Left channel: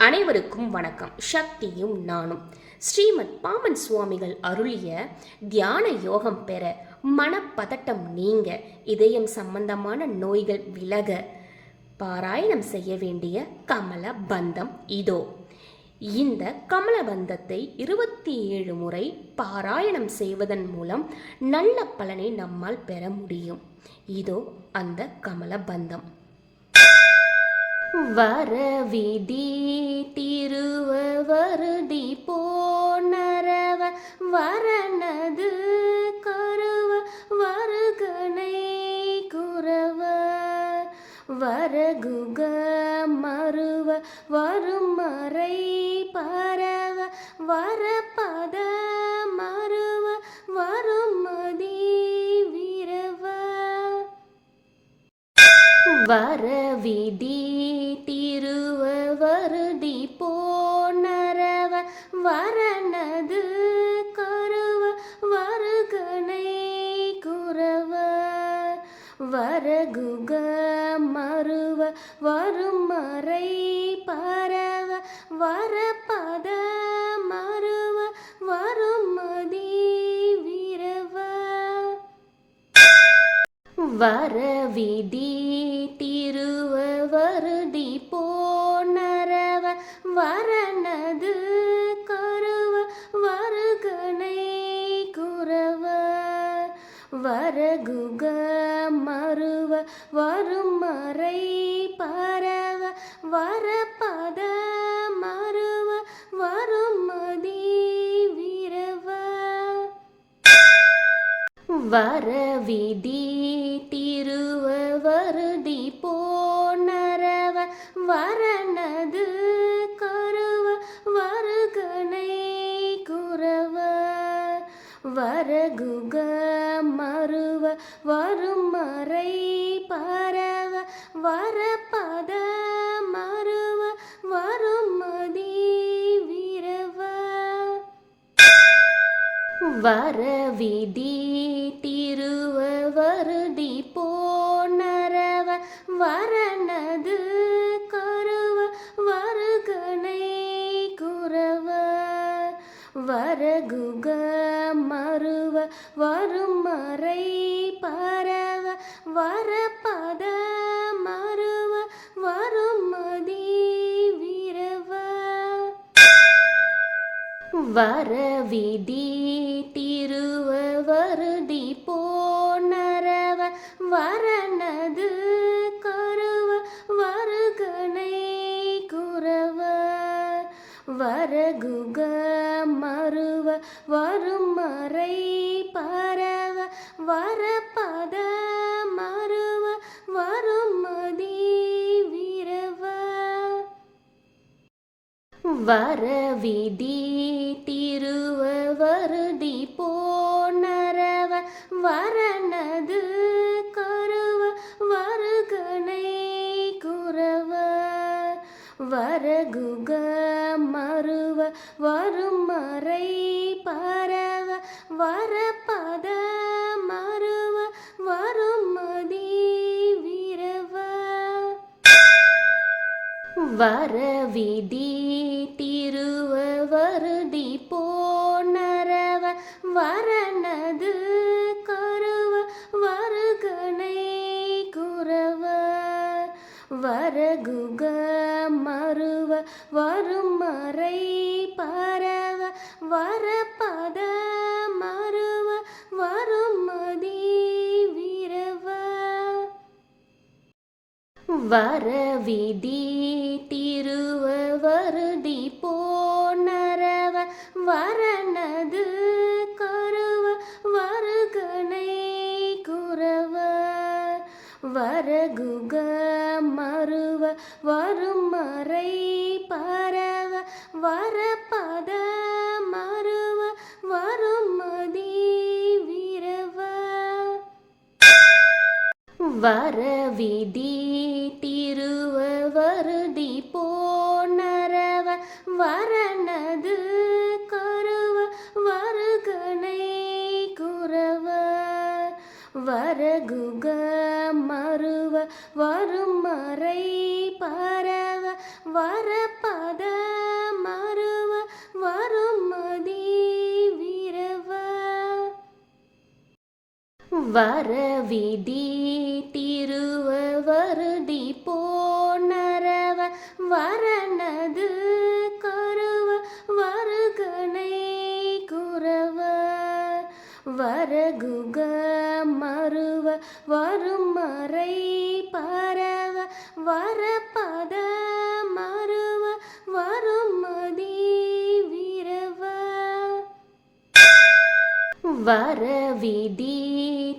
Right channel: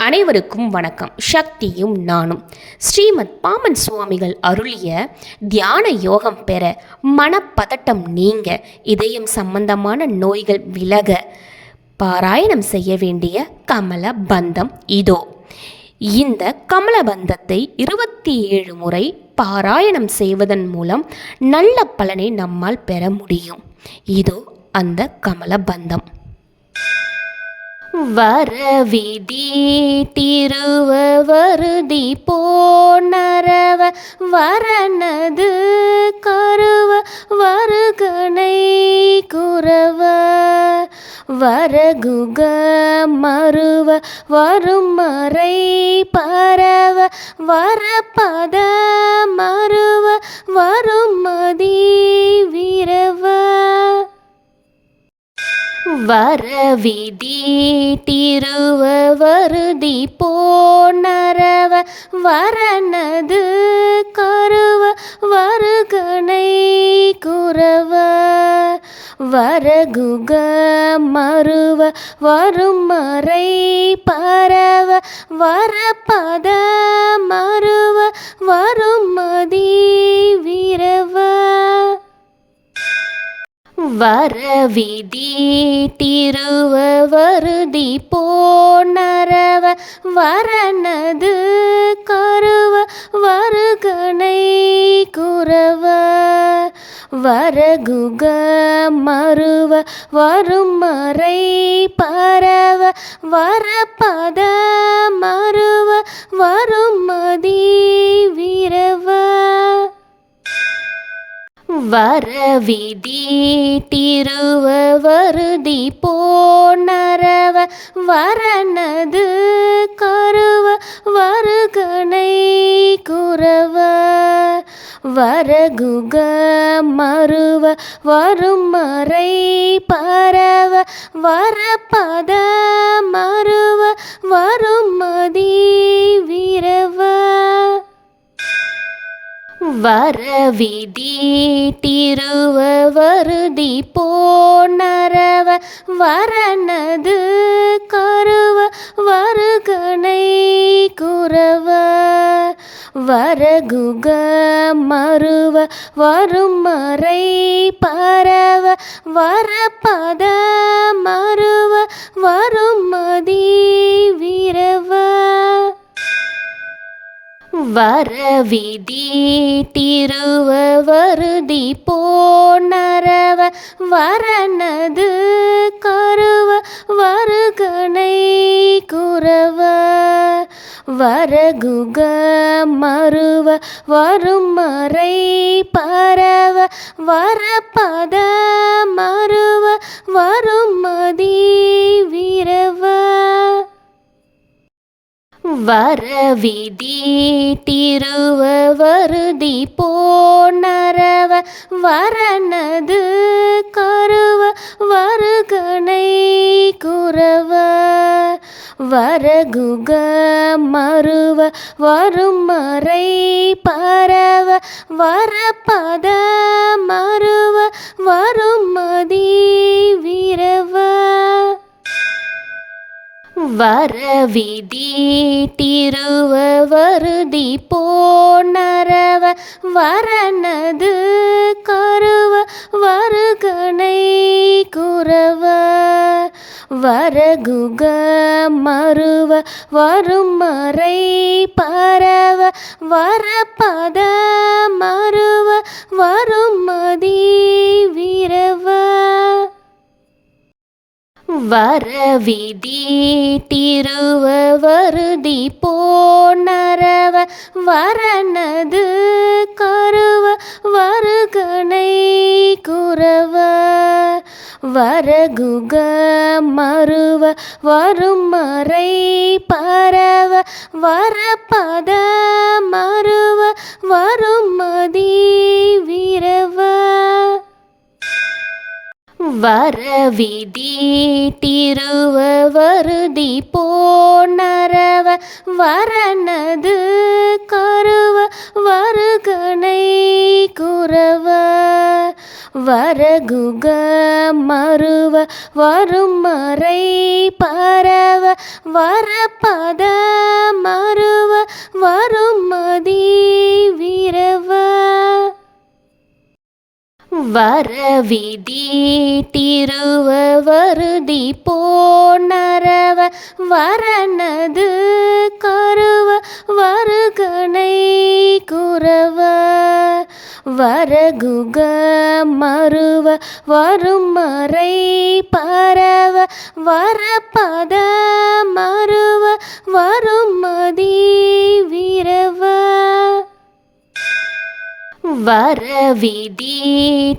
அனைவருக்கும் வணக்கம். சக்தியும் நானும் ஸ்ரீமத் பாமன் சுவாமிகள் அருளிய தியான யோகம் பெற, மனப்பதட்டம் நீங்க, இதயம் சம்பந்தமான நோய்கள் விலக பாராயணம் செய்ய வேண்டிய கமல பந்தம் இதோ. இந்த கமலபந்தத்தை 27 முறை பாராயணம் செய்வதன் மூலம் நல்ல பலனை நம்மால் பெற முடியும். இதோ அந்த கமலபந்தம். வரவிதி திருவ வருதி போனரவ வரனது கருவ வருகனை குறவ வரகுக மருவ வருமறை பரவ வரபத மருவ வருமதி விரவ வரவிதி திருவ வருதி போனரவ வரனது கருவ வருகனை குறவ வரகுக மருவ வருமறை பரவ வரபத மருவ வருமதி விரவ வரவிதி திருவ வருதி போனரவ வரனது கருவ வருகனை குறவ வரகுக மருவ வருமறை பரவ வரபத மருவ வருமதி விரவ வரவிதி திருவ வருதி போனரவ வரனது கருவ வருகனை குறவ வரகுக மருவ வருமறை பரவ வரபத மருவ வருமதி விரவ வரவிதி திருவ வருதி போனரவ வரனது கருவ வருகனை குறவ வரகுக மருவ வருமறை பரவ வரபத மருவ வருமதி விரவ வரவிதி திருவ வருதி போனரவ வரனது கருவ வருகனை குறவ வரகுக மருவ வருமறை பரவ வரபத மருவ வருமதி விரவ வரவிதி திருவ வருதி போனரவ வரனது கருவ வருகனை குறவ வரகுக மருவ வருமறை பரவ வரபத மருவ வருமதி விரவ வரவிதி திருவ வருதி போனரவ வரனது கருவ வருகனை குறவ வரகுக மருவ வருமறை பரவ வரபத மருவ வருமதி விரவ வரவிதி திருவ வருதி போனரவ வரனது கருவ வருகனை குறவ வரகுக மருவ வருமறை பரவ வரபத மருவ வருமதி விரவ வரவிதி திருவ வருதி போனரவ வரனது கருவ வருகனை குறவ வரகுக மருவ வருமறை பரவ வரப்பத மருவ வருமதி விரவ வரவிதி திருவ வருதி போனரவ வரனது கருவ வருகனை குரவ வரகுக மருவ வருமறை பரவ வரப்பத மருவ வருமதி விரவ வரவிதி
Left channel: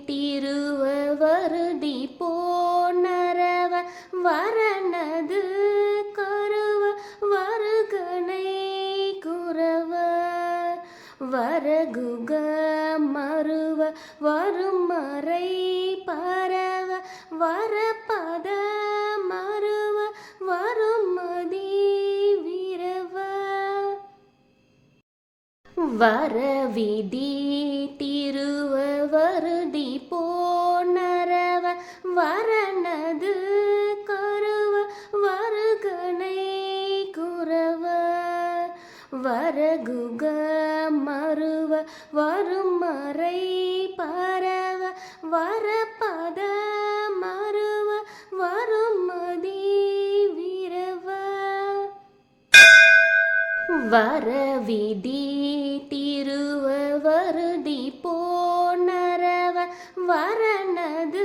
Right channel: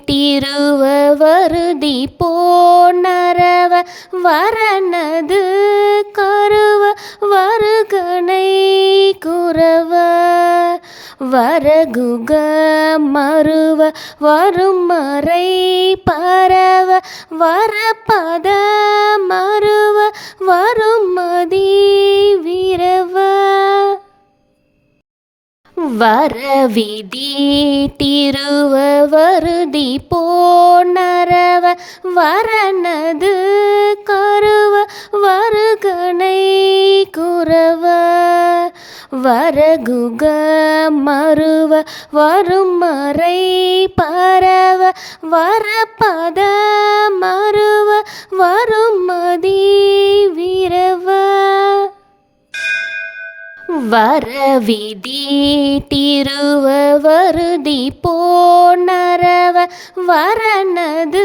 திருவ வருதி போனரவ வரனது கருவ வருகனை குரவ வரகுக மருவ வருமறை பரவ வரப்பத மருவ வருமதி விரவ வரவிதி திருவ வருதி போனரவ வரனது கருவ வருகனை குரவ வரகுக மருவ வருமறை பரவ வரப்பத மருவ வருமதி விரவ வரவிதி திருவ வருதி போனரவ வரனது